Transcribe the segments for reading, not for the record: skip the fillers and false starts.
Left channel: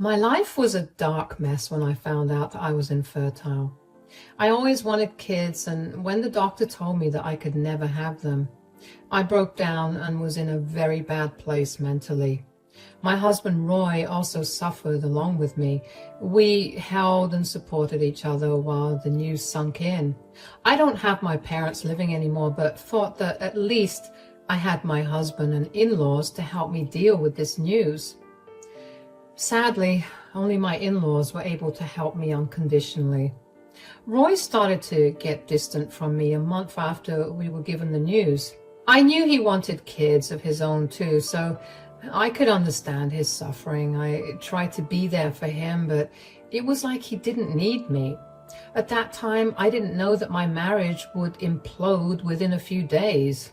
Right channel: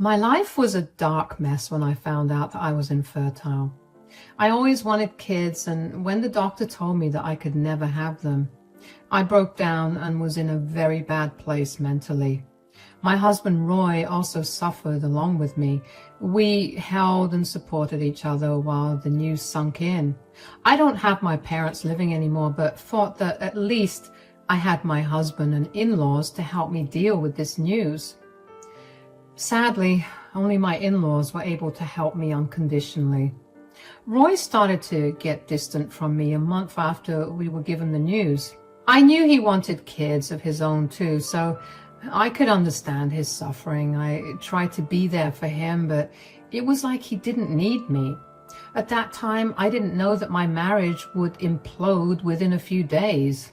My life was a dark mess when I found out that I was infertile. I always wanted kids, and when the doctor told me that I could never have them, I broke down and was in a very bad place mentally. My husband Roy also suffered along with me. We held and supported each other while the news sunk in. I don't have my parents living anymore, but thought that at least I had my husband and in-laws to help me deal with this news. Sadly, only my in-laws were able to help me unconditionally. Roy started to get distant from me a month after we were given the news. I knew he wanted kids of his own too, so I could understand his suffering. I tried to be there for him, but it was like he didn't need me. At that time, I didn't know that my marriage would implode within a few days.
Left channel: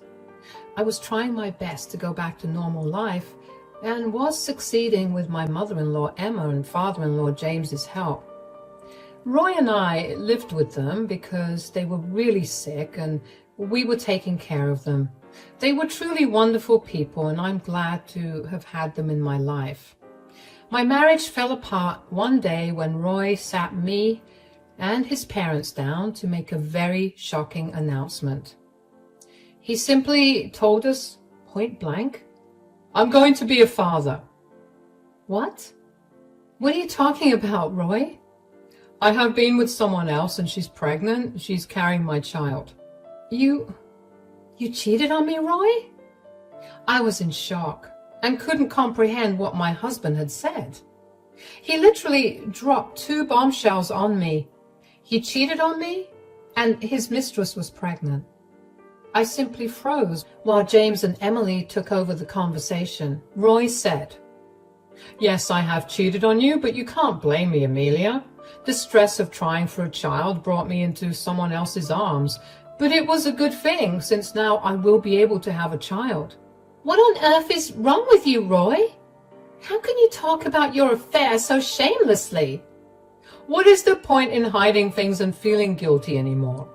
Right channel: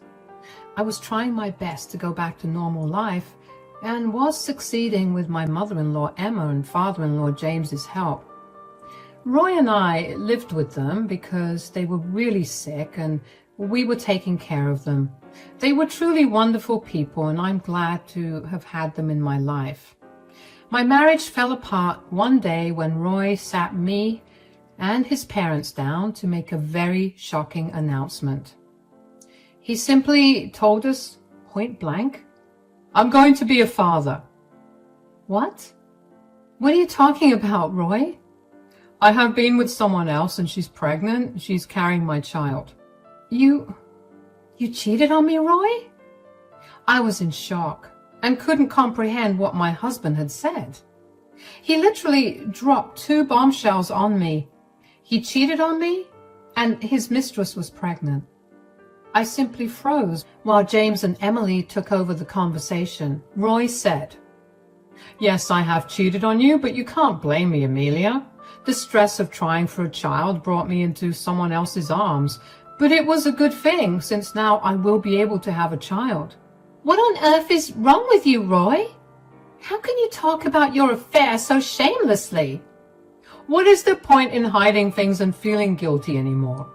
I was trying my best to go back to normal life, and was succeeding with my mother-in-law Emma and father-in-law James's help. Roy and I lived with them because they were really sick and we were taking care of them. They were truly wonderful people, and I'm glad to have had them in my life. My marriage fell apart one day when Roy sat me and his parents down to make a very shocking announcement. He simply told us point blank, "I'm going to be a father." What? What are you talking about, Roy? "I have been with someone else and she's pregnant. She's carrying my child." You cheated on me, Roy? I was in shock and couldn't comprehend what my husband had said. He literally dropped 2 bombshells on me. He cheated on me and his mistress was pregnant. I simply froze while James and Emily took over the conversation. Roy said, "Yes, I have cheated on you, but you can't blame me, Amelia. The stress of trying for a child brought me into someone else's arms, but it was a good thing since now I will be able to have a child." What on earth is wrong with you, Roy? How can you talk about your affair so shamelessly? What is the point in hiding things and feeling guilty anymore?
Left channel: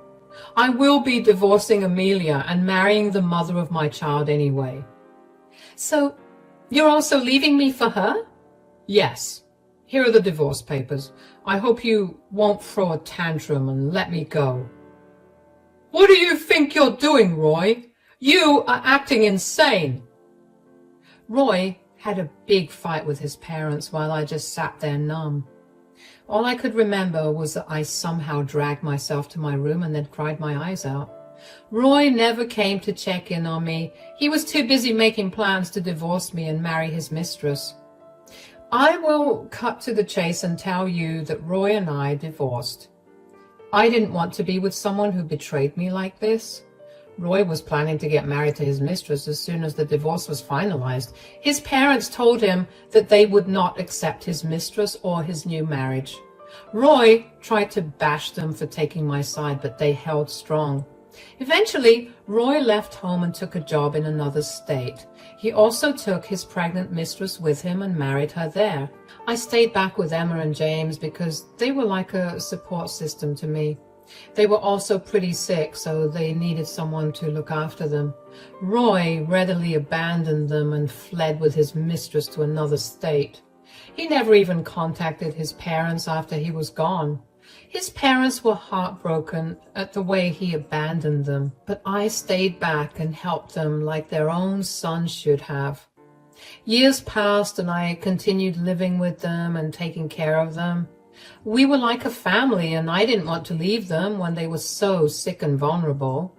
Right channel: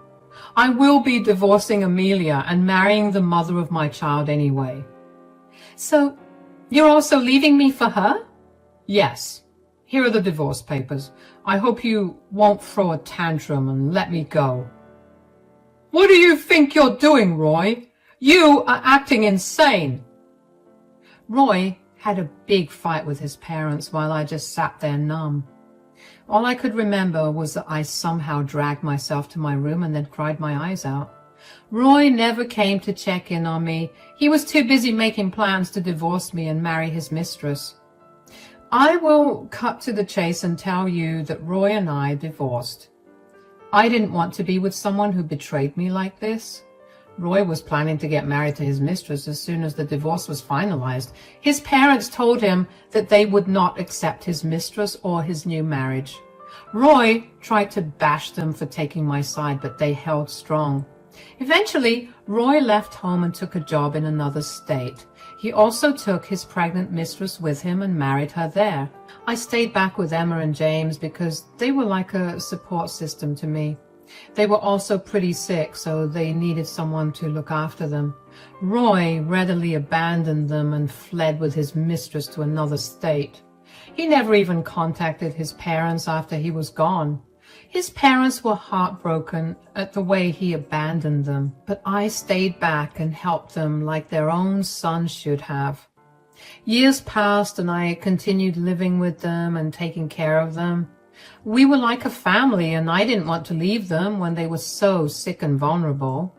I will be divorcing Amelia and marrying the mother of my child anyway. So, you're also leaving me for her? Yes. Here are the divorce papers. I hope you won't throw a tantrum and let me go. What do you think you're doing, Roy? You are acting insane. Roy had a big fight with his parents while I just sat there numb. All I could remember was that I somehow dragged myself to my room and then cried my eyes out. Roy never came to check in on me. He was too busy making plans to divorce me and marry his mistress. I will cut to the chase and tell you that Roy and I divorced. I didn't want to be with someone who betrayed me like this. Roy was planning to get married to his mistress as soon as the divorce was finalized. His parents told him that they would not accept his mistress or his new marriage. Roy tried to bash them for taking my side, but they held strong. Eventually, Roy left home and took a job in another state. He also took his pregnant mistress with him and married her there. I stayed back with Emma and James because they were like a support system to me. They were also pretty sick, so they needed someone to look after them. Roy readily abandoned them and fled with his mistress to another state. He never even contacted his parents after he was gone. His parents were heartbroken at the way he abandoned them, but I stayed back and helped them like their own son should have. Years passed and I continued living with them and taking care of them. We were like a family, and I didn't want to leave them when they were so sick and vulnerable.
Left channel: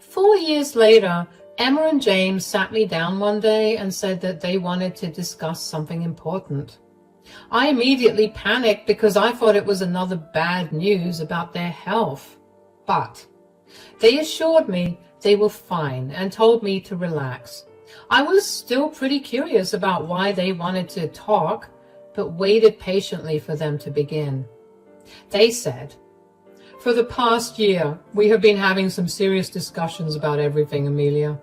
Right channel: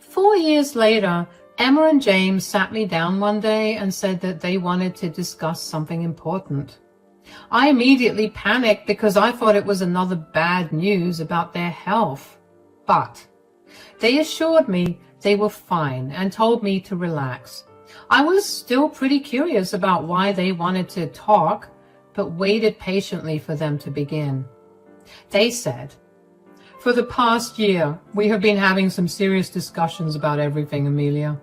4 years later, Emma and James sat me down one day and said that they wanted to discuss something important. I immediately panicked because I thought it was another bad news about their health. But they assured me they were fine and told me to relax. I was still pretty curious about why they wanted to talk, but waited patiently for them to begin. They said, "For the past year, we have been having some serious discussions about everything, Amelia."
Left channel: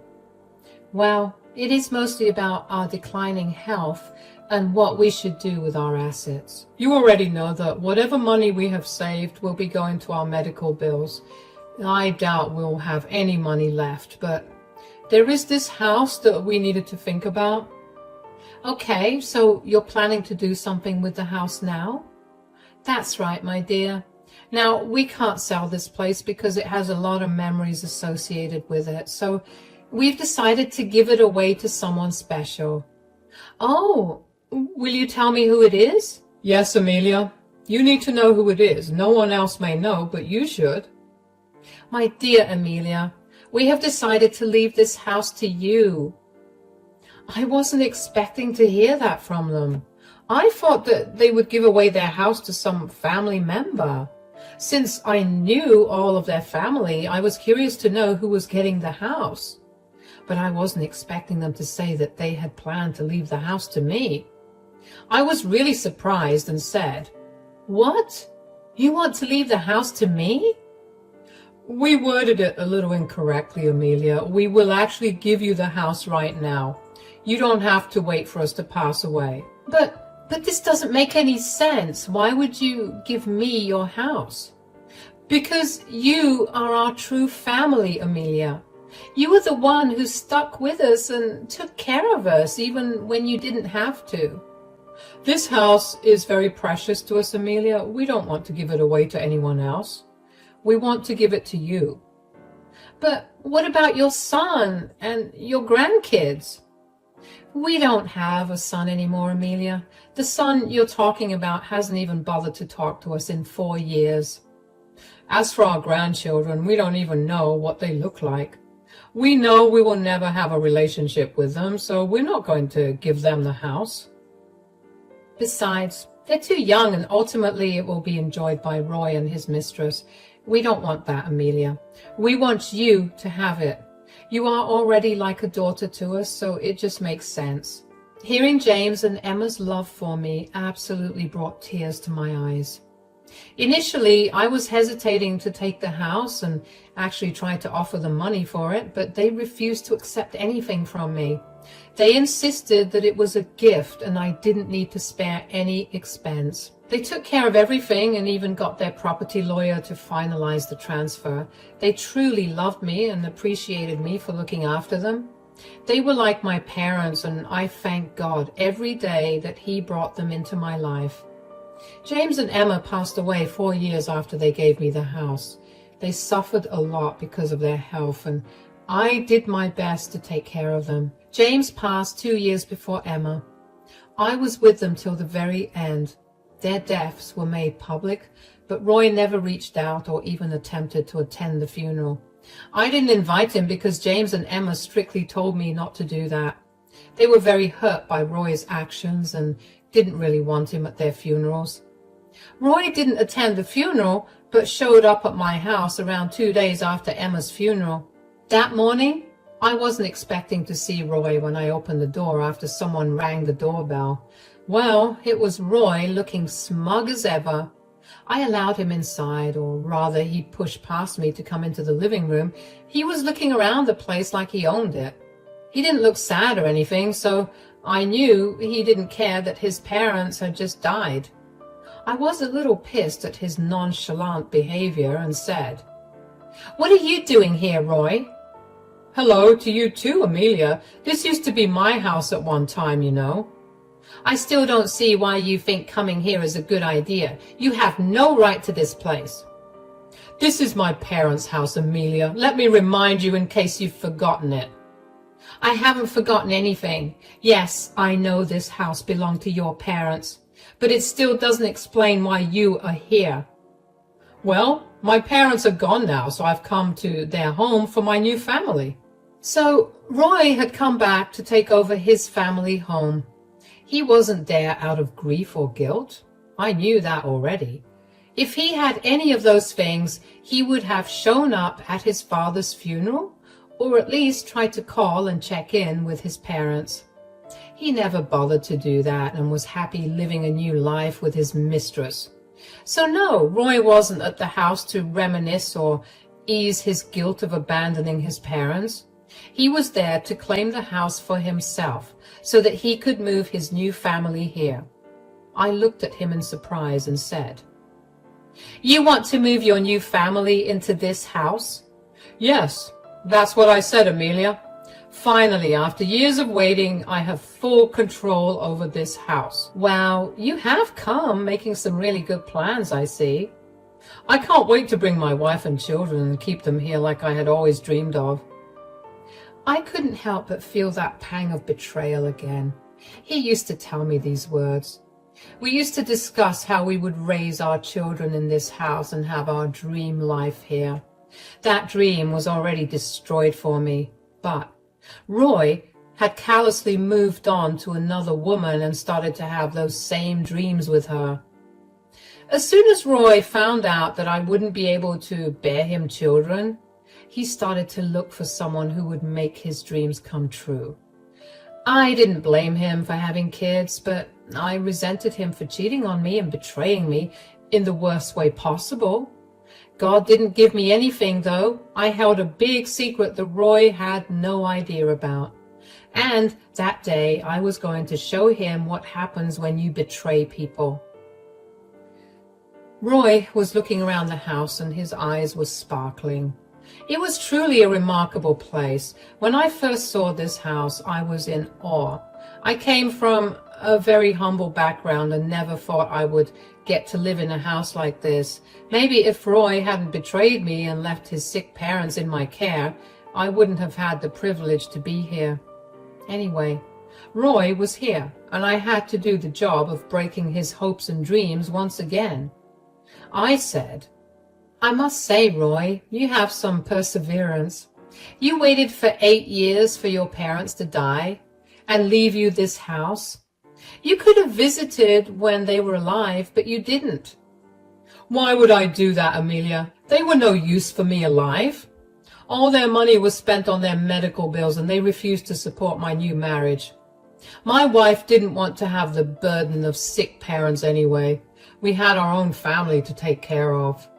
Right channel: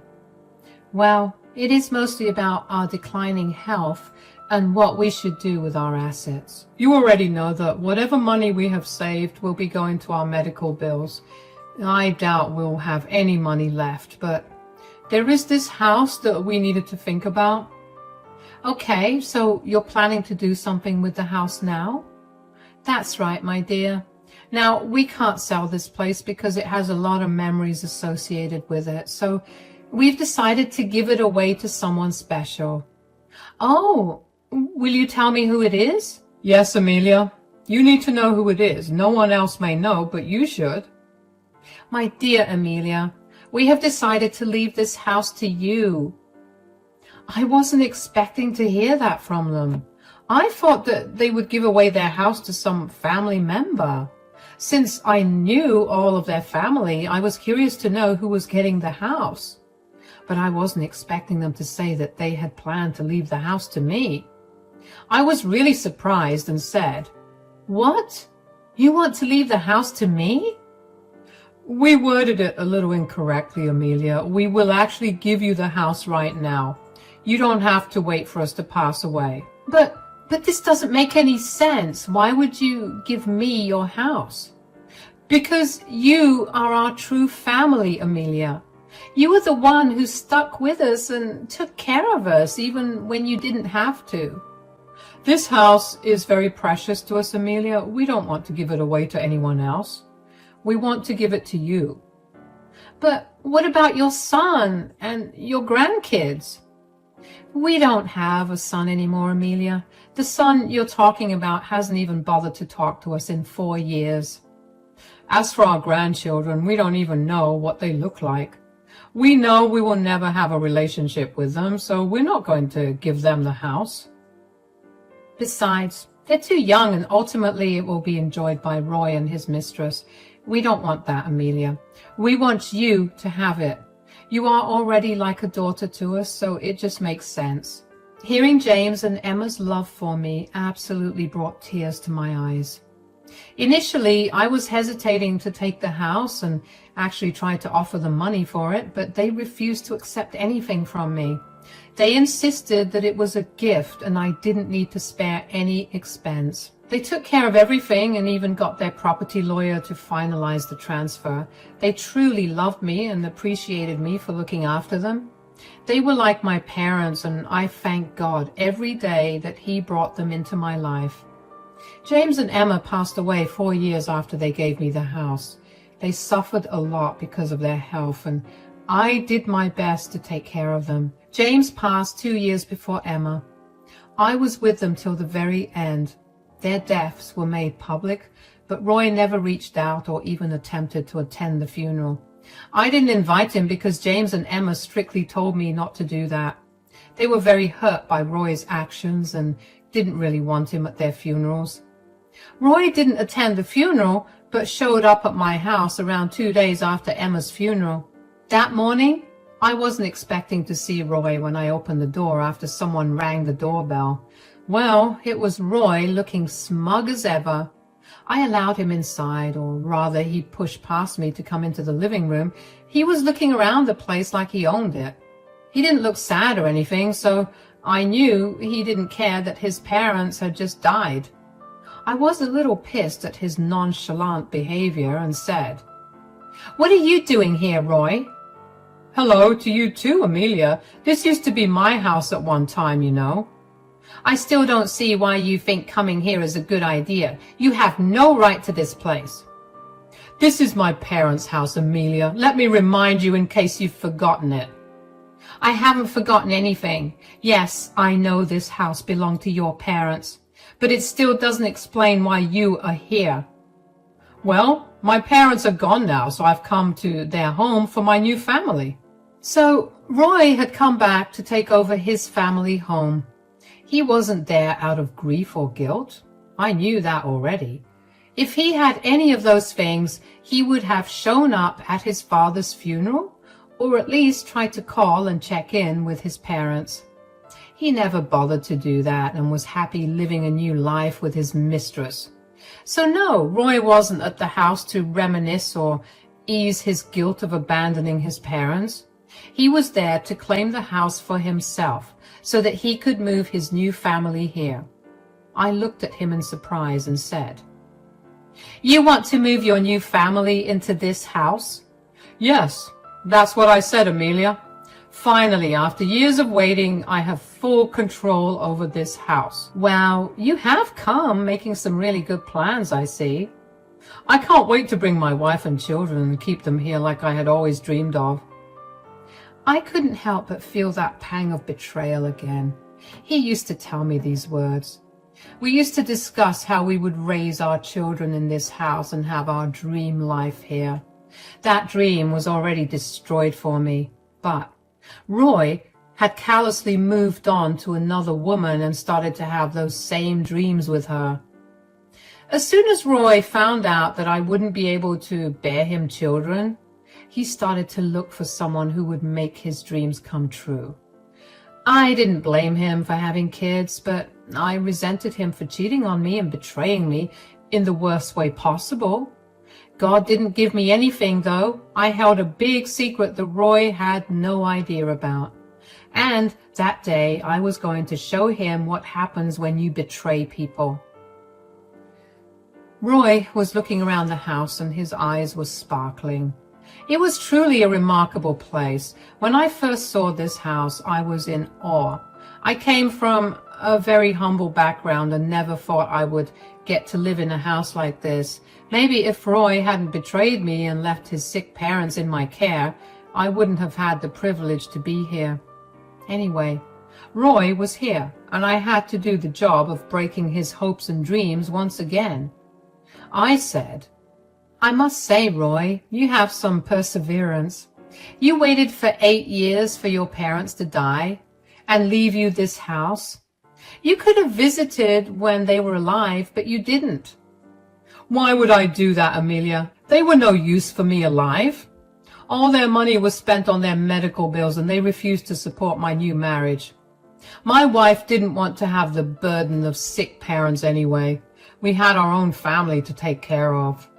Well, it is mostly about our declining health and what we should do with our assets. You already know that whatever money we have saved will be going to our medical bills. I doubt we'll have any money left, but there is this house that we needed to think about. Okay, so you're planning to do something with the house now? That's right, my dear. Now, we can't sell this place because it has a lot of memories associated with it, so we've decided to give it away to someone special. Oh, will you tell me who it is? Yes, Amelia. You need to know who it is. No one else may know, but you should. My dear Amelia, we have decided to leave this house to you. I wasn't expecting to hear that from them. I thought that they would give away their house to some family member. Since I knew all of their family, I was curious to know who was getting the house. But I wasn't expecting them to say that they had planned to leave the house to me. I was really surprised and said, "What? You want to leave the house to me?" We worded it a little incorrectly, Amelia. We will actually give you the house right now. You don't have to wait for us to pass away. But this doesn't make any sense. Why would you give me your house? Because you are our true family, Amelia. You were the one who stuck with us and took care of us even when you didn't have to. This house is very precious to us, Amelia. We don't want to give it away to anyone else. We want to give it to you. But what about your son and your grandkids? We don't have a son anymore, Amelia. The son you're talking about hasn't even bothered to talk to us in 4 years. As for our grandchildren, we don't even know what they look like. We know we will never have a relationship with them, so we're not going to give them the house. Besides, they're too young, and ultimately it will be enjoyed by Roy and his mistress. We don't want that, Amelia. We want you to have it. You are already like a daughter to us, so it just makes sense. Hearing James and Emma's love for me absolutely brought tears to my eyes. Initially, I was hesitating to take the house and actually tried to offer them money for it, but they refused to accept anything from me. They insisted that it was a gift and I didn't need to spare any expense. They took care of everything and even got their property lawyer to finalize the transfer. They truly loved me and appreciated me for looking after them. They were like my parents, and I thank God every day that He brought them into my life. James and Emma passed away 4 years after they gave me the house. They suffered a lot because of their health, and I did my best to take care of them. James passed 2 years before Emma. I was with them till the very end. Their deaths were made public, but Roy never reached out or even attempted to attend the funeral. I didn't invite him because James and Emma strictly told me not to do that. They were very hurt by Roy's actions and didn't really want him at their funerals. Roy didn't attend the funeral, but showed up at my house around 2 days after Emma's funeral. That morning, I wasn't expecting to see Roy when I opened the door after someone rang the doorbell. Well, it was Roy, looking smug as ever. I allowed him inside, or rather he pushed past me to come into the living room. He was looking around the place like he owned it. He didn't look sad or anything, so I knew he didn't care that his parents had just died. I was a little pissed at his nonchalant behavior and said, "What are you doing here, Roy?" "Hello to you too, Amelia. This used to be my house at one time, you know." "I still don't see why you think coming here is a good idea. You have no right to this place." "This is my parents' house, Amelia. Let me remind you in case you've forgotten it." "I haven't forgotten anything. Yes, I know this house belonged to your parents, but it still doesn't explain why you are here." "Well, my parents are gone now, so I've come to their home for my new family." So Roy had come back to take over his family home. He wasn't there out of grief or guilt. I knew that already. If he had any of those things, he would have shown up at his father's funeral, or at least tried to call and check in with his parents. He never bothered to do that and was happy living a new life with his mistress. So no, Roy wasn't at the house to reminisce or ease his guilt of abandoning his parents. He was there to claim the house for himself so that he could move his new family here. I looked at him in surprise and said, "You want to move your new family into this house?" "Yes, that's what I said, Amelia. Finally, after years of waiting, I have full control over this house. Wow, you have come making some really good plans, I see. I can't wait to bring my wife and children and keep them here like I had always dreamed of. I couldn't help but feel that pang of betrayal again. He used to tell me these words. We used to discuss how we would raise our children in this house and have our dream life here. That dream was already destroyed for me, but Roy had callously moved on to another woman and started to have those same dreams with her. As soon as Roy found out that I wouldn't be able to bear him children, he started to look for someone who would make his dreams come true. I didn't blame him for having kids, but I resented him for cheating on me and betraying me in the worst way possible. God didn't give me anything, though. I held a big secret that Roy had no idea about. And that day, I was going to show him what happens when you betray people. Roy was looking around the house and his eyes were sparkling. It was truly a remarkable place. When I first saw this house, I was in awe. I came from a very humble background and never thought I would get to live in a house like this. Maybe if Roy hadn't betrayed me and left his sick parents in my care, I wouldn't have had the privilege to be here. Anyway, Roy was here, and I had to do the job of breaking his hopes and dreams once again. I said, "I must say, Roy, you have some perseverance. You waited for 8 years for your parents to die and leave you this house. You could have visited when they were alive, but you didn't." "Why would I do that, Amelia? They were no use for me alive. All their money was spent on their medical bills, and they refused to support my new marriage. My wife didn't want to have the burden of sick parents anyway. We had our own family to take care of."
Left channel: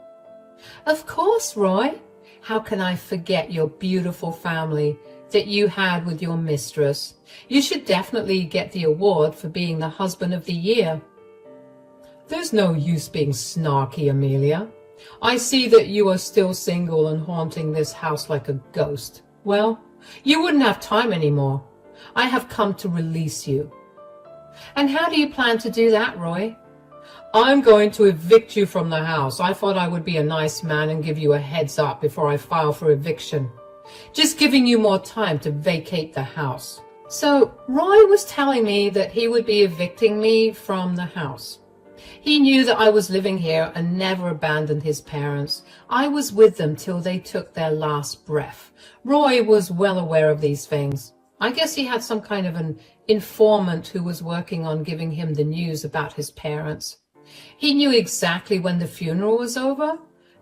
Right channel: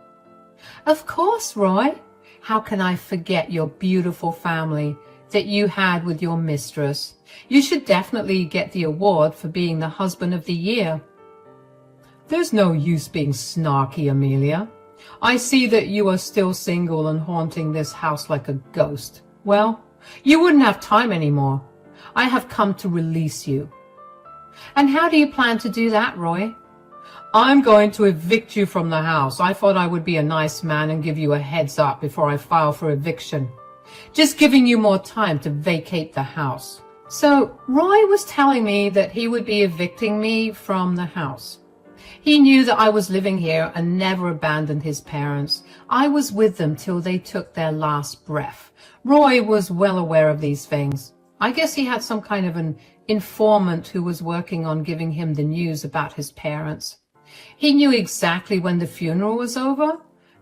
"Of course, Roy. How can I forget your beautiful family that you had with your mistress? You should definitely get the award for being the husband of the year." "There's no use being snarky, Amelia. I see that you are still single and haunting this house like a ghost. Well, you wouldn't have time anymore. I have come to release you." "And how do you plan to do that, Roy?" "I'm going to evict you from the house. I thought I would be a nice man and give you a heads up before I file for eviction. Just giving you more time to vacate the house." So Roy was telling me that he would be evicting me from the house. He knew that I was living here and never abandoned his parents. I was with them till they took their last breath. Roy was well aware of these things. I guess he had some kind of an informant who was working on giving him the news about his parents. He knew exactly when the funeral was over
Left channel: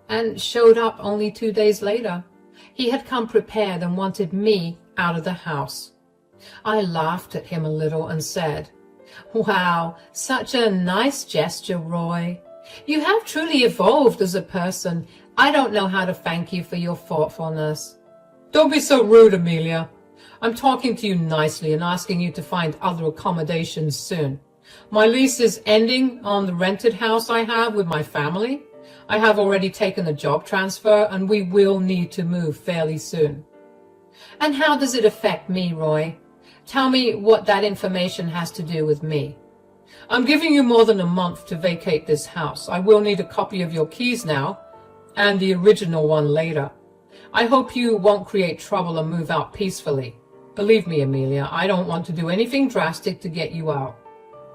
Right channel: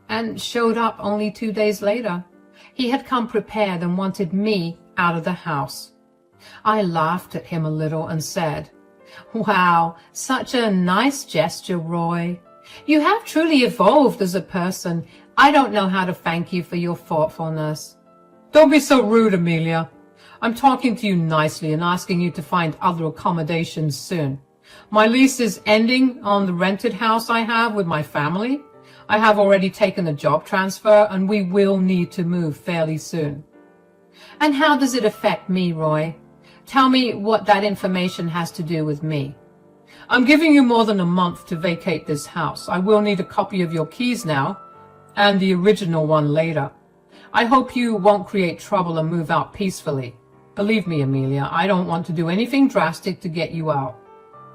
and showed up only 2 days later. He had come prepared and wanted me out of the house. I laughed at him a little and said, "Wow, such a nice gesture, Roy. You have truly evolved as a person. I don't know how to thank you for your thoughtfulness." "Don't be so rude, Amelia. I'm talking to you nicely and asking you to find other accommodations soon. My lease is ending on the rented house I have with my family. I have already taken a job transfer and we will need to move fairly soon." "And how does it affect me, Roy? Tell me what that information has to do with me." "I'm giving you more than a month to vacate this house. I will need a copy of your keys now and the original one later. I hope you won't create trouble and move out peacefully. Believe me, Amelia, I don't want to do anything drastic to get you out."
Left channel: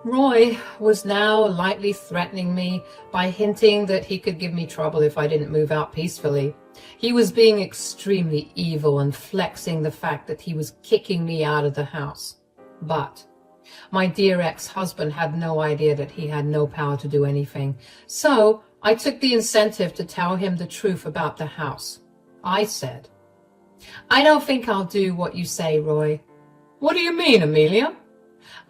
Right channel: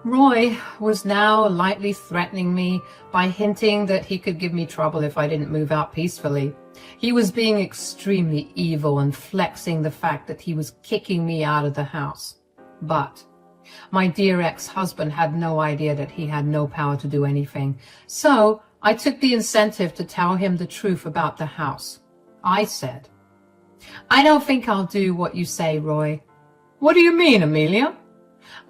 Roy was now lightly threatening me by hinting that he could give me trouble if I didn't move out peacefully. He was being extremely evil and flexing the fact that he was kicking me out of the house. But my dear ex-husband had no idea that he had no power to do anything. So I took the incentive to tell him the truth about the house. I said, "I don't think I'll do what you say, Roy." "What do you mean, Amelia?"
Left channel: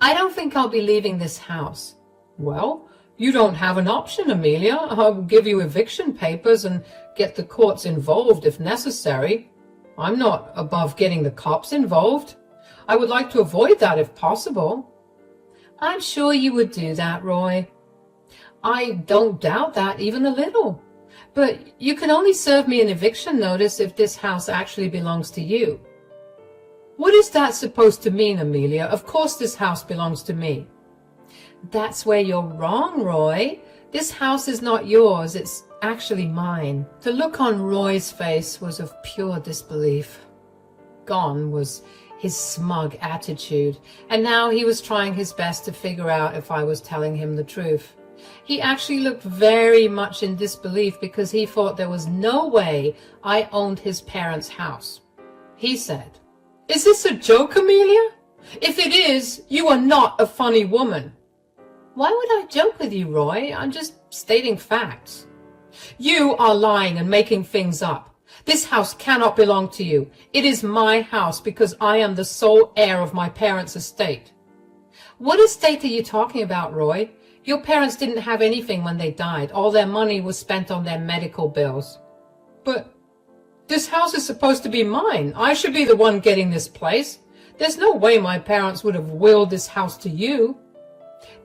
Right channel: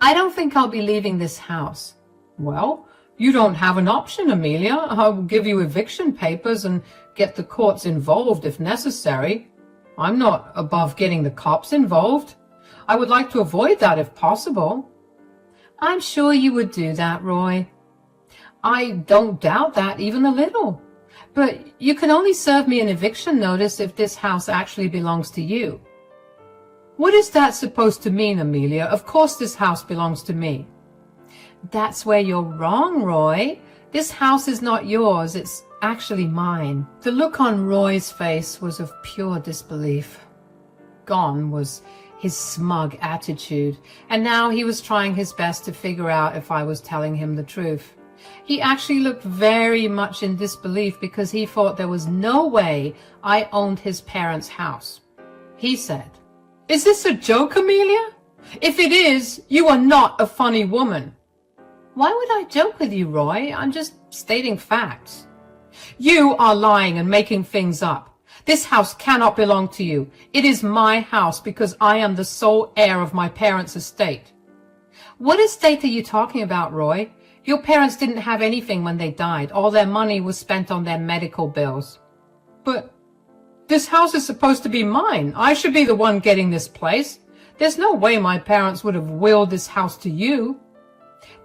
"I don't think I'll be leaving this house." "Well, you don't have an option, Amelia. I'll give you eviction papers and get the courts involved if necessary. I'm not above getting the cops involved. I would like to avoid that if possible." "I'm sure you would do that, Roy." "I don't doubt that even a little. But you can only serve me an eviction notice if this house actually belongs to you." What is that supposed to mean, Amelia? Of course this house belongs to me. That's where you're wrong, Roy. This house is not yours. It's actually mine. The look on Roy's face was of pure disbelief. Gone was his smug attitude, and now he was trying his best to figure out if I was telling him the truth. He actually looked very much in disbelief because he thought there was no way I owned his parents' house. He said, "Is this a joke, Amelia? If it is, you are not a funny woman." Why would I joke with you, Roy? I'm just stating facts. You are lying and making things up. This house cannot belong to you. It is my house because I am the sole heir of my parents' estate. What estate are you talking about, Roy? Your parents didn't have anything when they died. All their money was spent on their medical bills. But this house is supposed to be mine. I should be the one getting this place. There's no way my parents would have willed this house to you.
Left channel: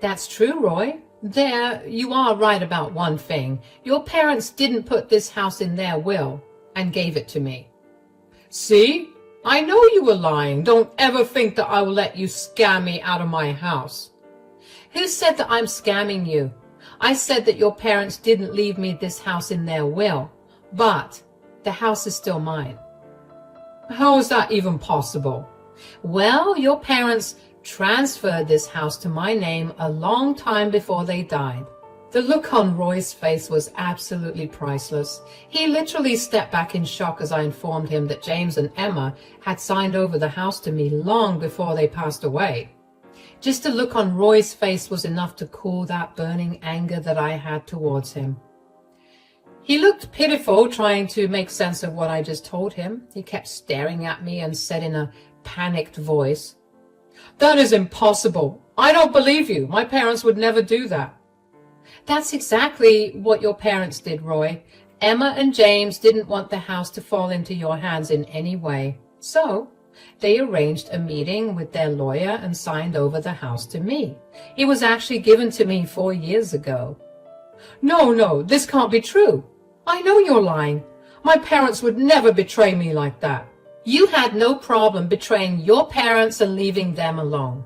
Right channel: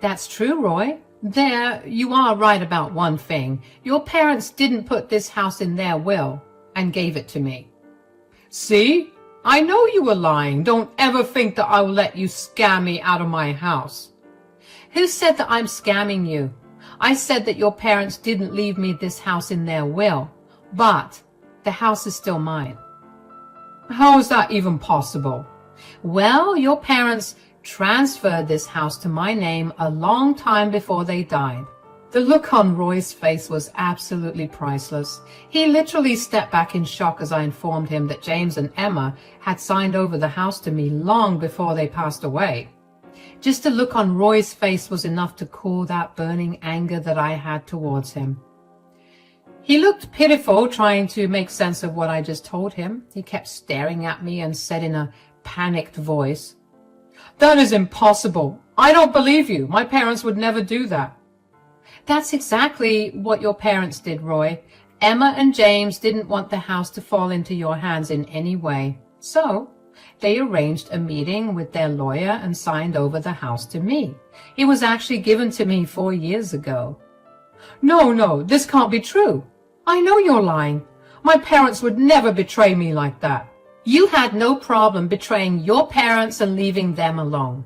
That's true, Roy. There, you are right about one thing. Your parents didn't put this house in their will and gave it to me. See? I know you were lying. Don't ever think that I will let you scam me out of my house. Who said that I'm scamming you? I said that your parents didn't leave me this house in their will, but the house is still mine. How is that even possible? Well, your parents transferred this house to my name a long time before they died. The look on Roy's face was absolutely priceless. He literally stepped back in shock as I informed him that James and Emma had signed over the house to me long before they passed away. Just the look on Roy's face was enough to cool that burning anger that I had towards him. He looked pitiful, trying to make sense of what I just told him. He kept staring at me and said in a panicked voice, "That is impossible. I don't believe you. My parents would never do that." That's exactly what your parents did, Roy. Emma and James didn't want the house to fall into your hands in any way. So they arranged a meeting with their lawyer and signed over the house to me. It was actually given to me 4 years ago. No, this can't be true. I know you're lying. My parents would never betray me like that. You had no problem betraying your parents and leaving them alone.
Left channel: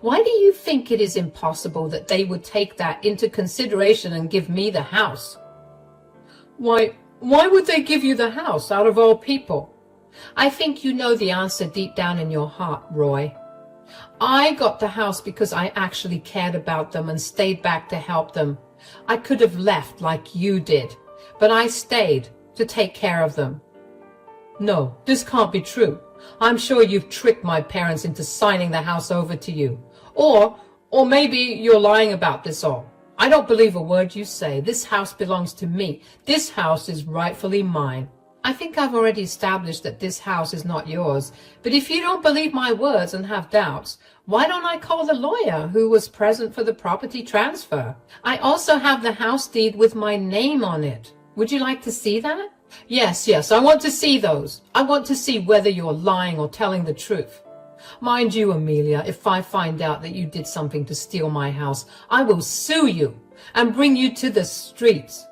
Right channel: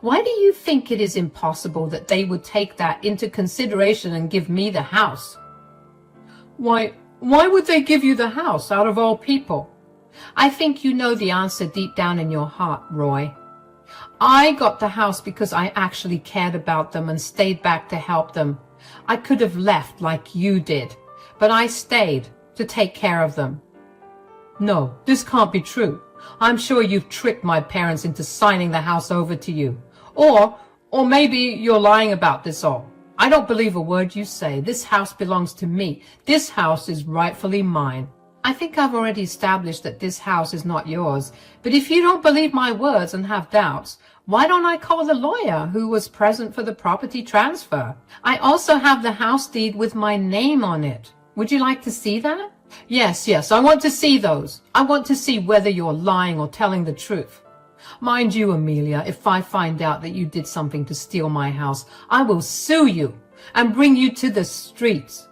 Why do you think it is impossible that they would take that into consideration and give me the house? Why would they give you the house out of all people? I think you know the answer deep down in your heart, Roy. I got the house because I actually cared about them and stayed back to help them. I could have left like you did, but I stayed to take care of them. No, this can't be true. I'm sure you've tricked my parents into signing the house over to you. Or maybe you're lying about this all. I don't believe a word you say. This house belongs to me. This house is rightfully mine. I think I've already established that this house is not yours. But if you don't believe my words and have doubts, why don't I call the lawyer who was present for the property transfer? I also have the house deed with my name on it. Would you like to see that? Yes, I want to see those. I want to see whether you're lying or telling the truth. Mind you, Amelia, if I find out that you did something to steal my house, I will sue you and bring you to the streets.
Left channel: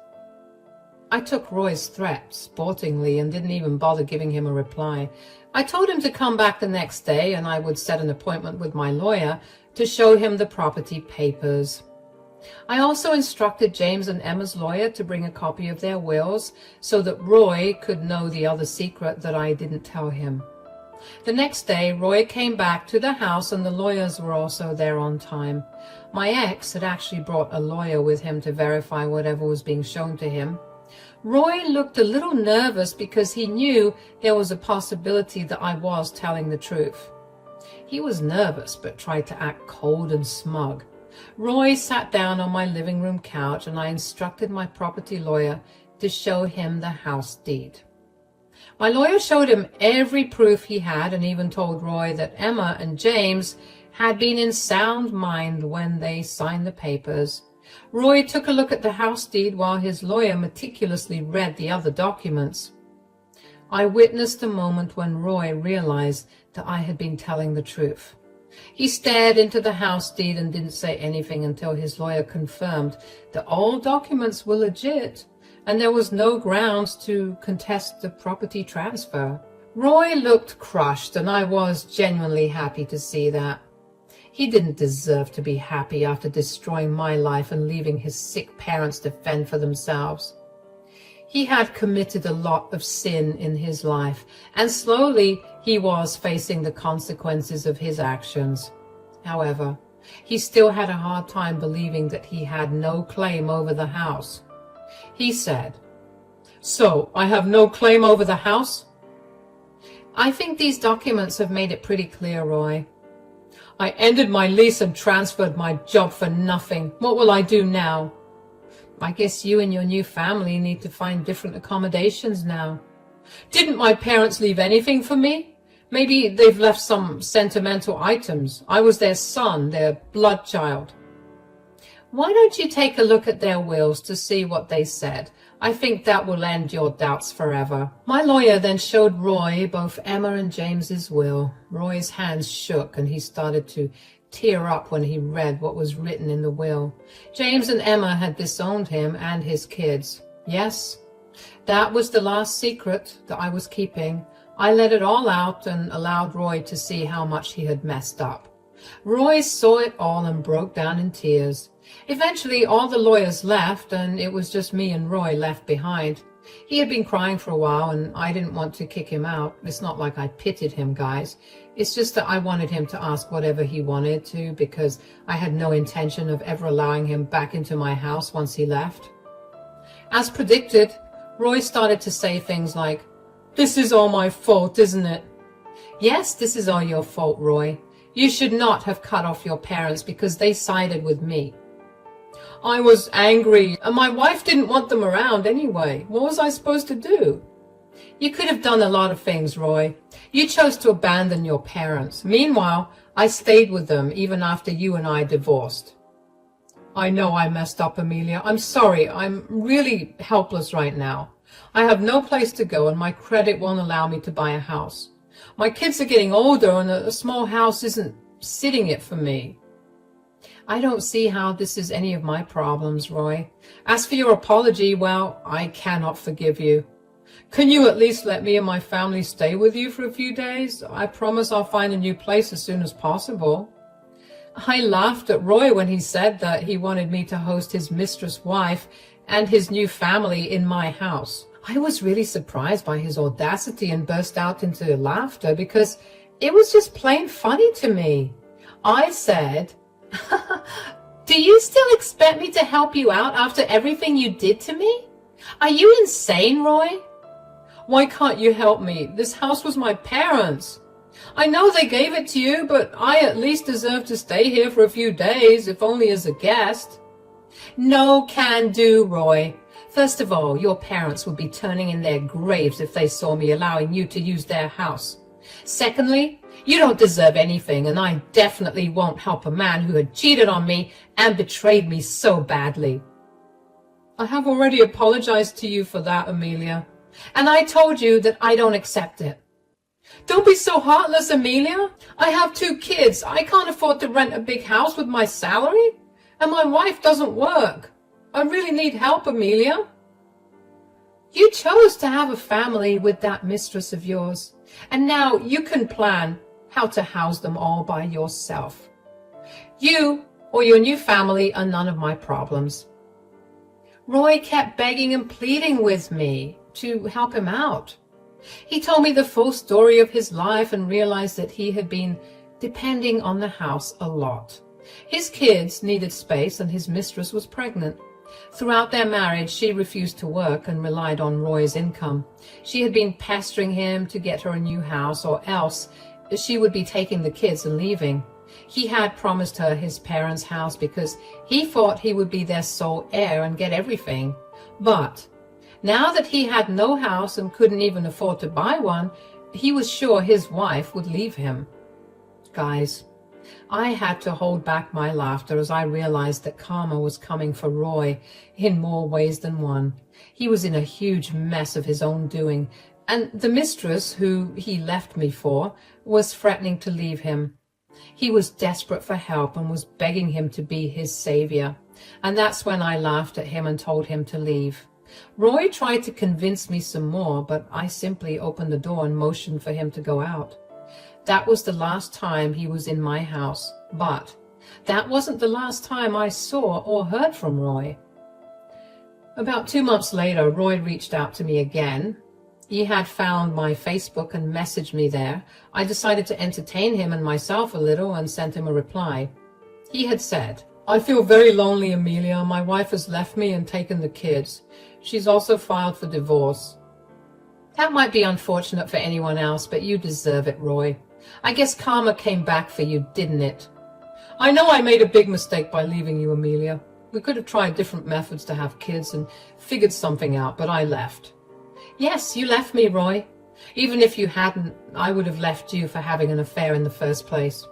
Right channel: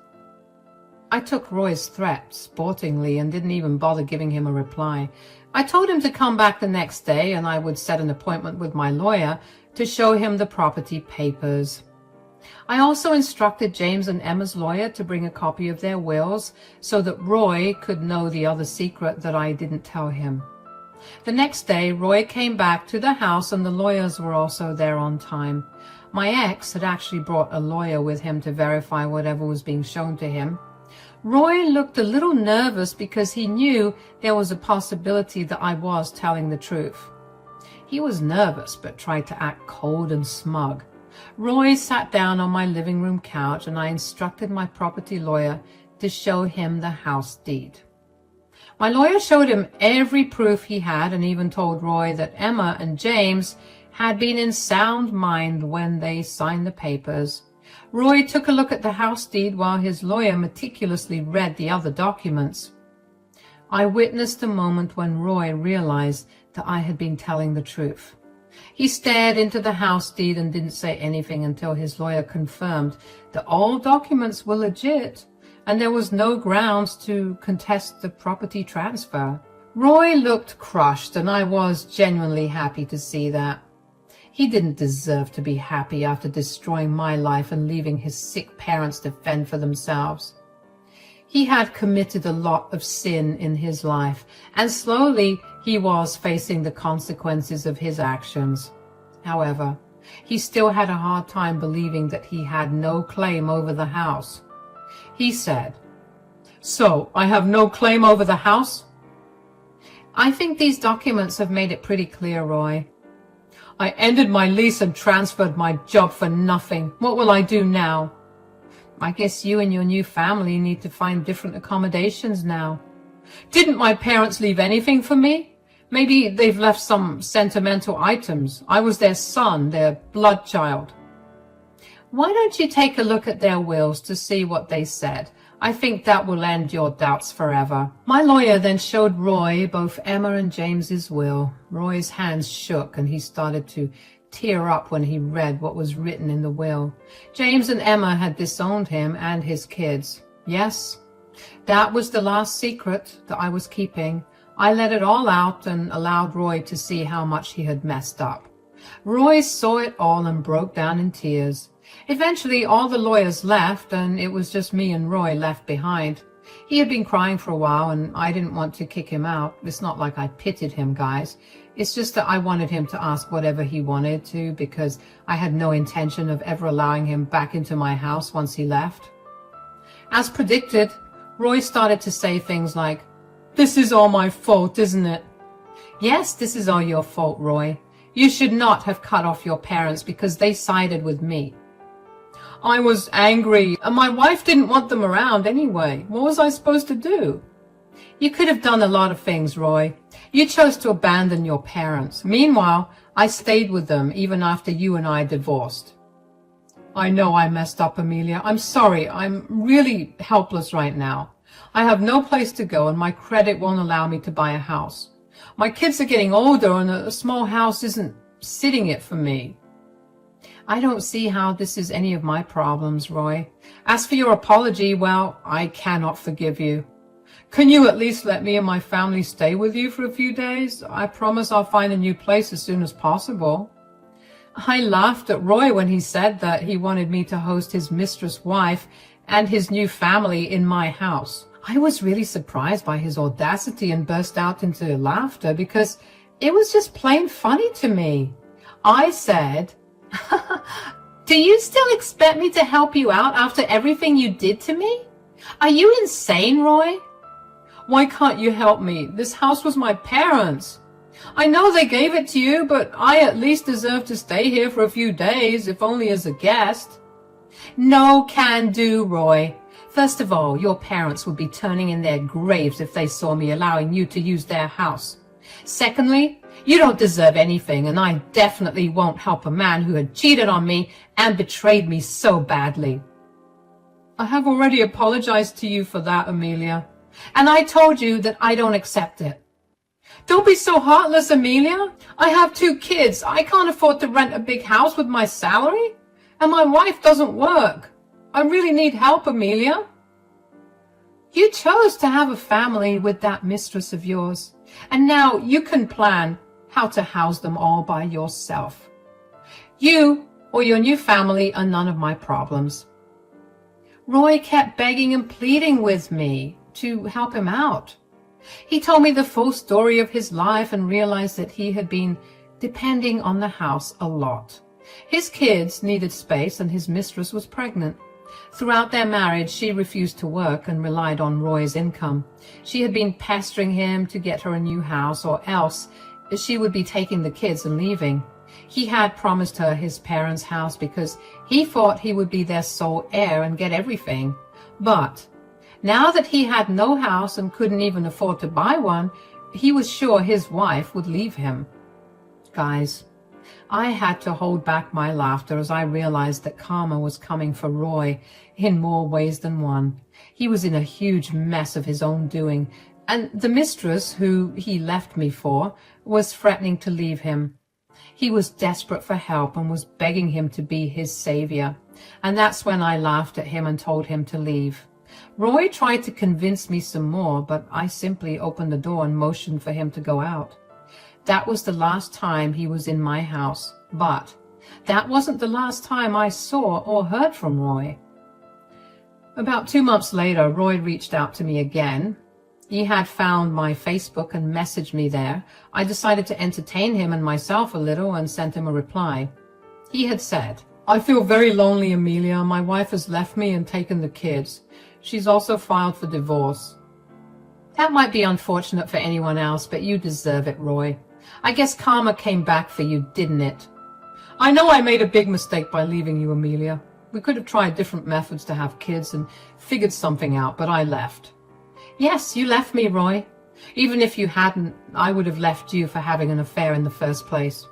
I took Roy's threat sportingly and didn't even bother giving him a reply. I told him to come back the next day and I would set an appointment with my lawyer to show him the property papers. I also instructed James and Emma's lawyer to bring a copy of their wills so that Roy could know the other secret that I didn't tell him. The next day, Roy came back to the house and the lawyers were also there on time. My ex had actually brought a lawyer with him to verify whatever was being shown to him. Roy looked a little nervous because he knew there was a possibility that I was telling the truth. He was nervous but tried to act cold and smug. Roy sat down on my living room couch and I instructed my property lawyer to show him the house deed. My lawyer showed him every proof he had and even told Roy that Emma and James had been in sound mind when they signed the papers. Roy took a look at the house deed while his lawyer meticulously read the other documents. I witnessed the moment when Roy realized that I had been telling the truth. He stared into the house deed and didn't say anything until his lawyer confirmed that all documents were legit and there was no grounds to contest the property transfer. Roy looked crushed, and I was genuinely happy to see that. He didn't deserve to be happy after destroying my life and leaving his sick parents to fend for themselves. He had committed a lot of sin in his life, and slowly he was facing the consequences of his actions. However, he still had a hard time believing that he had no claim over the house. He said, "So, I have no claim over the house?" "I think these documents have made it pretty clear, Roy." "I ended my lease and transferred my job for nothing. What will I do now?" "I guess you and your new family need to find different accommodations now." "Didn't my parents leave anything for me? Maybe they've left some sentimental items. I was their son, their blood child." "Why don't you take a look at their wills to see what they said? I think that will end your doubts forever." My lawyer then showed Roy both Emma and James's will. Roy's hands shook and he started to tear up when he read what was written in the will. James and Emma had disowned him and his kids. Yes, that was the last secret that I was keeping. I let it all out and allowed Roy to see how much he had messed up. Roy saw it all and broke down in tears. Eventually, all the lawyers left, and it was just me and Roy left behind. He had been crying for a while, and I didn't want to kick him out. It's not like I pitied him, guys. It's just that I wanted him to ask whatever he wanted to, because I had no intention of ever allowing him back into my house once he left. As predicted, Roy started to say things like, "This is all my fault, isn't it?" "Yes, this is all your fault, Roy. You should not have cut off your parents because they sided with me." "I was angry, and my wife didn't want them around anyway. What was I supposed to do?" "You could have done a lot of things, Roy. You chose to abandon your parents. Meanwhile, I stayed with them even after you and I divorced." "I know I messed up, Amelia. I'm sorry. I'm really helpless right now. I have no place to go, and my credit won't allow me to buy a house. My kids are getting older, and a small house isn't sitting it for me." "I don't see how this is any of my problems, Roy. As for your apology, well, I cannot forgive you. Can you at least let me and my family stay with you for a few days? I promise I'll find a new place as soon as possible." I laughed at Roy when he said that he wanted me to host his mistress wife and his new family in my house. I was really surprised by his audacity and burst out into laughter because it was just plain funny to me. I said, "Do you still expect me to help you out after everything you did to me? Are you insane, Roy?" "Why can't you help me? This house was my parents'. I know they gave it to you, but I at least deserve to stay here for a few days, if only as a guest." "No can do, Roy. First of all, your parents would be turning in their graves if they saw me allowing you to use their house. Secondly, you don't deserve anything, and I definitely won't help a man who had cheated on me and betrayed me so badly." "I have already apologized to you for that, Amelia. And I told you that I don't accept it." "Don't be so heartless, Amelia. I have 2 kids. I can't afford to rent a big house with my salary. And my wife doesn't work. I really need help, Amelia." "You chose to have a family with that mistress of yours, and now you can plan how to house them all by yourself. You or your new family are none of my problems." Roy kept begging and pleading with me to help him out. He told me the full story of his life and realized that he had been depending on the house a lot. His kids needed space and his mistress was pregnant. Throughout their marriage, she refused to work and relied on Roy's income. She had been pestering him to get her a new house, or else she would be taking the kids and leaving. He had promised her his parents' house because he thought he would be their sole heir and get everything. But now that he had no house and couldn't even afford to buy one, he was sure his wife would leave him. Guys, I had to hold back my laughter as I realized that karma was coming for Roy in more ways than one. He was in a huge mess of his own doing, and the mistress, who he left me for, was threatening to leave him. He was desperate for help and was begging him to be his savior, and that's when I laughed at him and told him to leave. Roy tried to convince me some more, but I simply opened the door and motioned for him to go out. That was the last time he was in my house, but that wasn't the last time I saw or heard from Roy. About 2 months later, Roy reached out to me again. He had found my Facebook and messaged me there. I decided to entertain him and myself a little and sent him a reply. He had said, "I feel very lonely, Amelia. My wife has left me and taken the kids. She's also filed for divorce." That might be unfortunate for anyone else, but you deserve it, Roy. I guess karma came back for you, didn't it? I know I made a big mistake by leaving you, Amelia. We could have tried different methods to have kids and figured something out, but I left. Yes, you left me, Roy. Even if you hadn't, I would have left you for having an affair in the first place.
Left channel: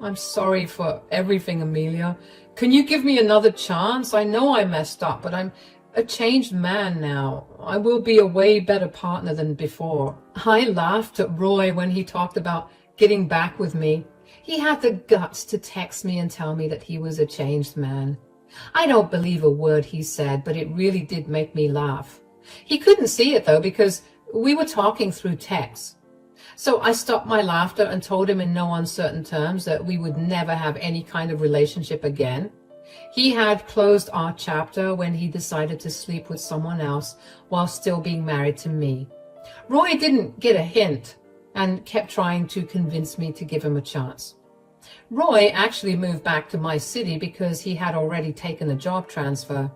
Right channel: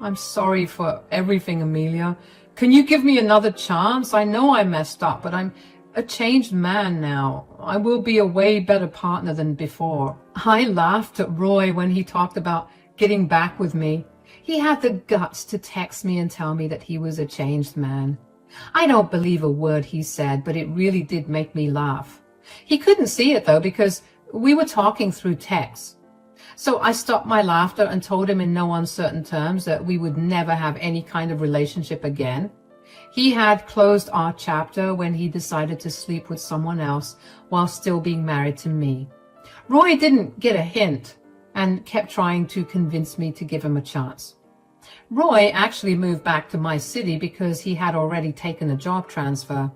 I'm sorry for everything, Amelia. Can you give me another chance? I know I messed up, but I'm a changed man now. I will be a way better partner than before. I laughed at Roy when he talked about getting back with me. He had the guts to text me and tell me that he was a changed man. I don't believe a word he said, but it really did make me laugh. He couldn't see it, though, because we were talking through text. So I stopped my laughter and told him in no uncertain terms that we would never have any kind of relationship again. He had closed our chapter when he decided to sleep with someone else while still being married to me. Roy didn't get a hint and kept trying to convince me to give him a chance. Roy actually moved back to my city because he had already taken a job transfer.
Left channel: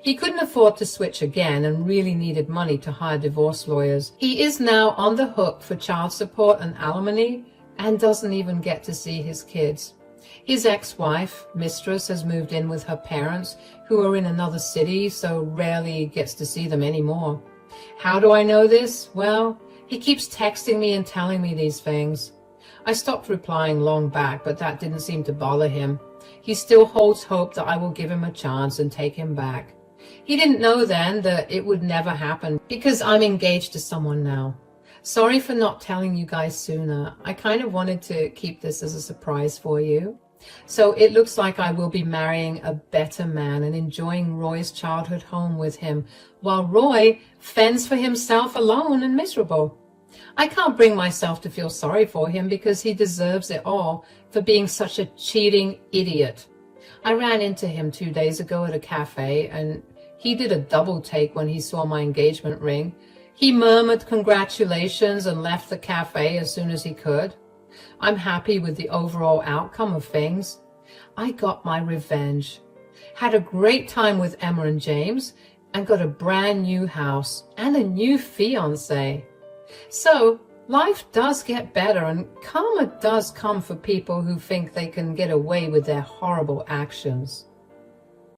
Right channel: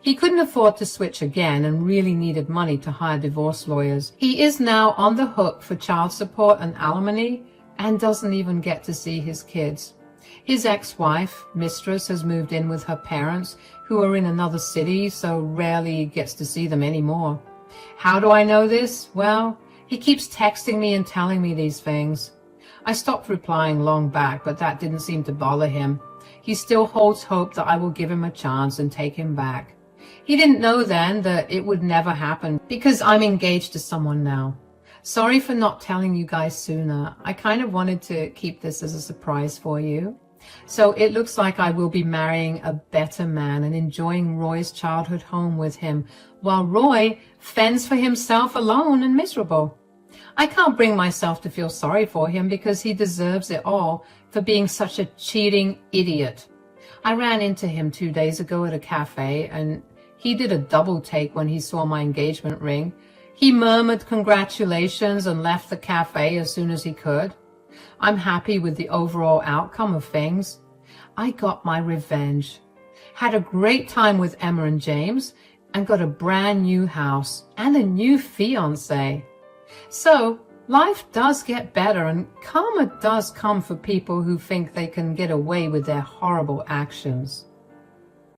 He couldn't afford to switch again and really needed money to hire divorce lawyers. He is now on the hook for child support and alimony and doesn't even get to see his kids. His ex-wife, Mistress, has moved in with her parents, who are in another city, so rarely gets to see them anymore. How do I know this? Well, he keeps texting me and telling me these things. I stopped replying long back, but that didn't seem to bother him. He still holds hope that I will give him a chance and take him back. He didn't know then that it would never happen because I'm engaged to someone now. Sorry for not telling you guys sooner. I kind of wanted to keep this as a surprise for you. So it looks like I will be marrying a better man and enjoying Roy's childhood home with him, while Roy fends for himself alone and miserable. I can't bring myself to feel sorry for him because he deserves it all for being such a cheating idiot. I ran into him 2 days ago at a cafe, and he did a double take when he saw my engagement ring. He murmured congratulations and left the cafe as soon as he could. I'm happy with the overall outcome of things. I got my revenge. Had a great time with Emma and James and got a brand new house and a new fiancé. So life does get better and karma does come for people who think they can get away with their horrible actions.